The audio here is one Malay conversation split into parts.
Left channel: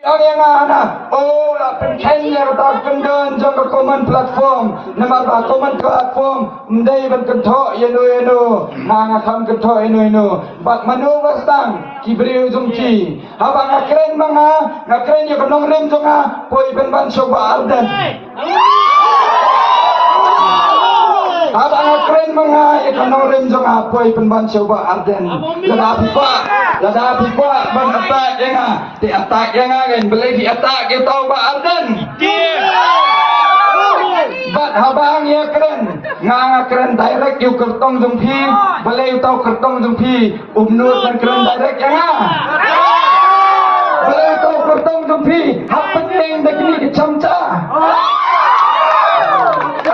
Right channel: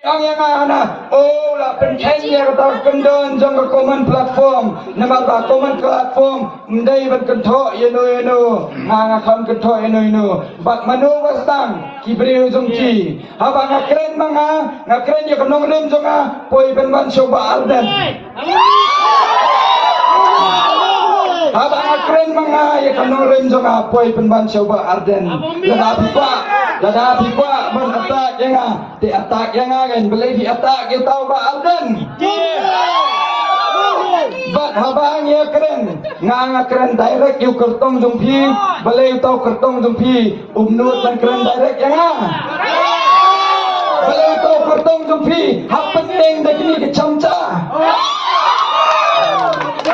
Yang ana oh la pentingnya kita kendon jang common platform nama ba common platform ndai ban kentho yeno nga kham kentho yeno ba manu wastang kibre jongki aba ngakren manga ngakren ya konong rem jonga poi ben ban soba alden aba ngakren manga ya konong rem jonga poi ben ban soba alden lada pipa ban attack yang di attack yang kan boleh di attack kita tahu ba alden bat habang ya keren nga keren direct yu kertong jongpi boleh tahu kertong jongpi umnur dan keren direct yang boleh tahu kertong jongpi happening begini kecamca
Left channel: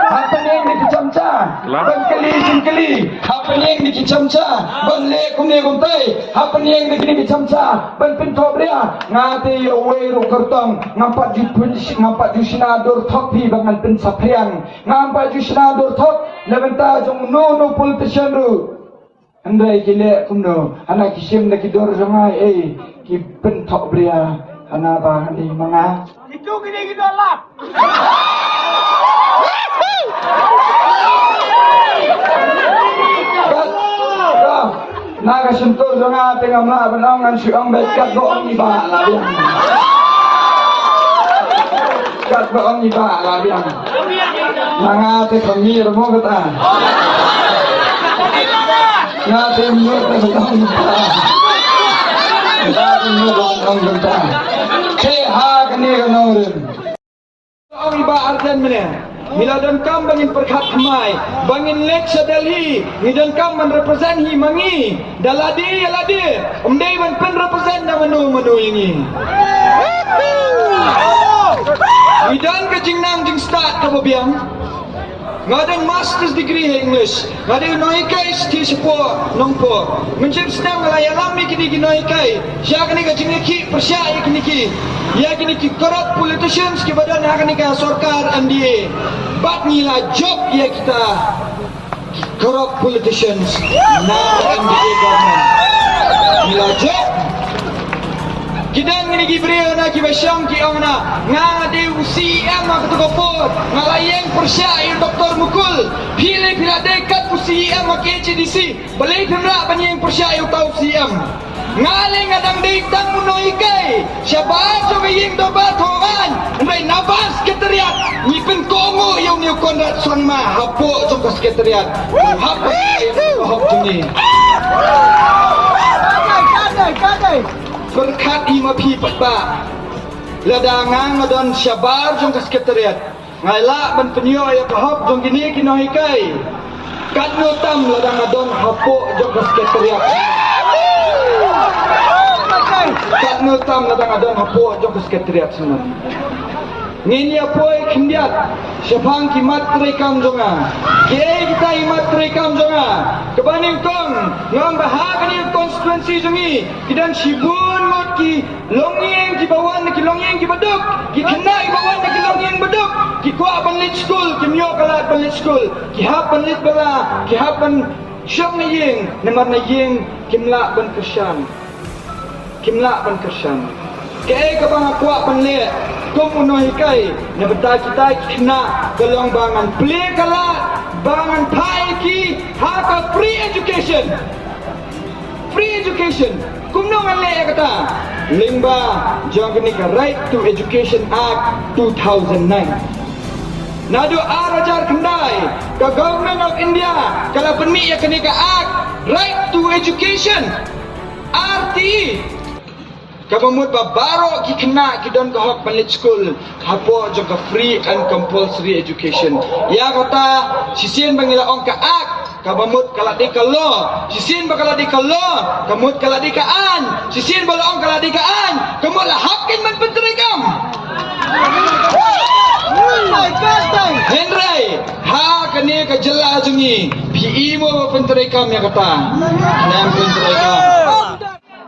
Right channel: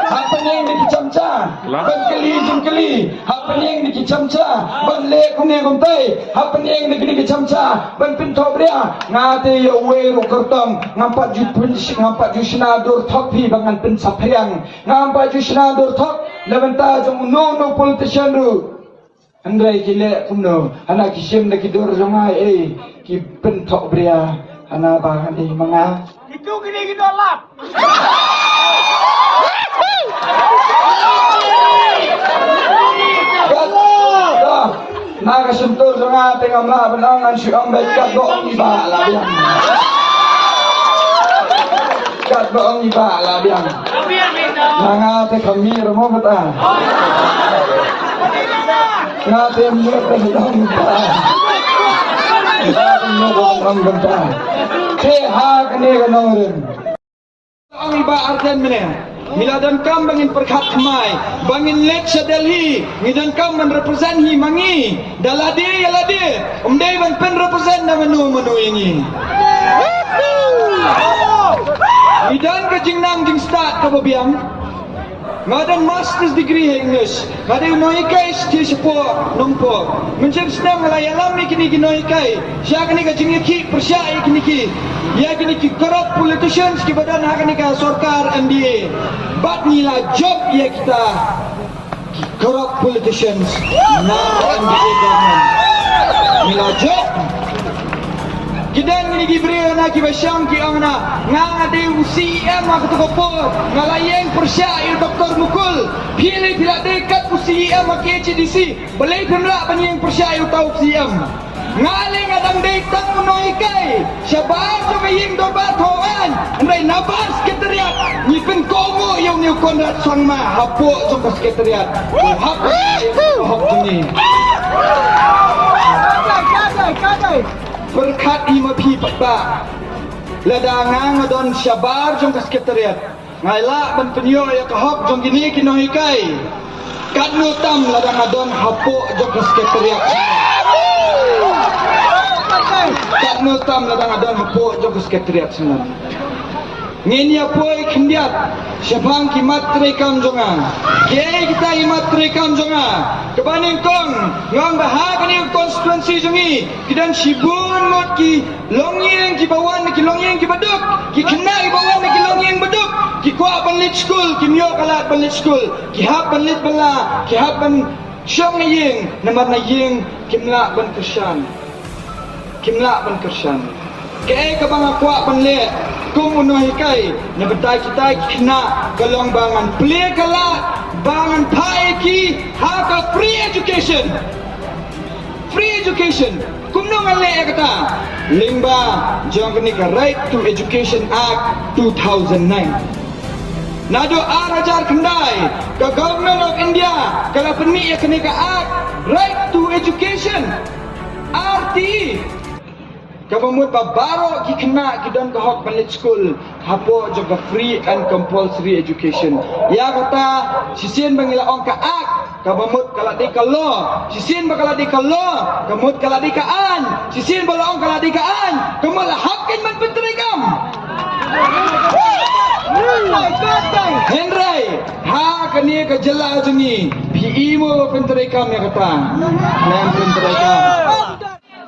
happening di kecamca bengkeli happening di kecamca benle kumne kumtai happening di kecamca benpinto bria ngate yo weru kertong ngampat di sinadur thopi bangan pin sapyang ngampat di sinadur thop lebenta jong no politician ru andai kile kumno ana kisim na kidor jongai ki pentok bria ana ba ni manga itu gini gitu Allah naga sentuh sangat tengah mak benangan si ambil kat doang iba lah dia kat doang iba lah dia naga kami rumah kita naga nyok doang iba naga nyok doang kita sehat ni kan orang doang iba artian mana Miladan kam bangin perkhat khamai bangin lek sa Delhi midan kam man represent hi mangi daladi yaladi umdai ban pen represent na manu yangi midan ka jingnam jing start ka babiang ngadan master's degree he English ngadan noi kai sti sepo nongpo mencem stem ngalayalam kini ginoi kai siya kini ka jingki persya kini ya kini corrupt politicians ki badan hakani ka sarkar NDA bat nila job ya kita corrupt politicians na NDA government nila job Kidang ini gibril na kibasyang ki angna nga de UCM ang katukopo ngalayeng persya yung doktor mukul pili pila dekat UCM ang HDC balay pimra banyeng persya yung tau UCM ngaling adang deitang munoy kay siya baso kaying dobat hongan andray nabas sekretariat ngipin kongo yung niyo kondat sangma hapo sa sekretariat hapo yung hapo ni berkat ima pi papa ladang ngadon syabar jong sekretariat ngaila ban penyo ya kahop jong gini kinohi kai kat nutam ladang ngadon hapo jong sekretariat kat nutam ladang ngadon hapo jong sekretariat senar ngeni apoi kindiat syabang ki matre kam jonga ke kita i matre kam jonga kebaning tong ngam bahag ni konstituensi jongi kidan sibun ngot ki longyeng ki bawan ki longyeng ki baduk ki kena ki bawan ki longyeng baduk ki kwa banlit school ki myo kalat banlit school ki hap banlit bala ki hap ban syong yeng namar na yeng kimla ban kersan kaya ka bang akwa panle kung unohi kay na betay kita kena galong bangan play kalat bangan paiki haka free education kung nung ale kata limba jong ka Right to Education Act 2009 nado arajar kendai ka government of India kala penmi ya kenika act Right to Education RTE Kabamut babaro ki kena ki don kahok palit school hapo juga free and compulsory education. Ya kata sisien bangila ong ka ak kabamut kaladi ka law. Sisien bakaladi ka law, kamut kaladi ka an. Sisien bala ong kaladi ka an. Kamut lahakin man penterigam. Henry, ha kani ka jela jungi. PE mo penterigam ya kata. Nam penterigam.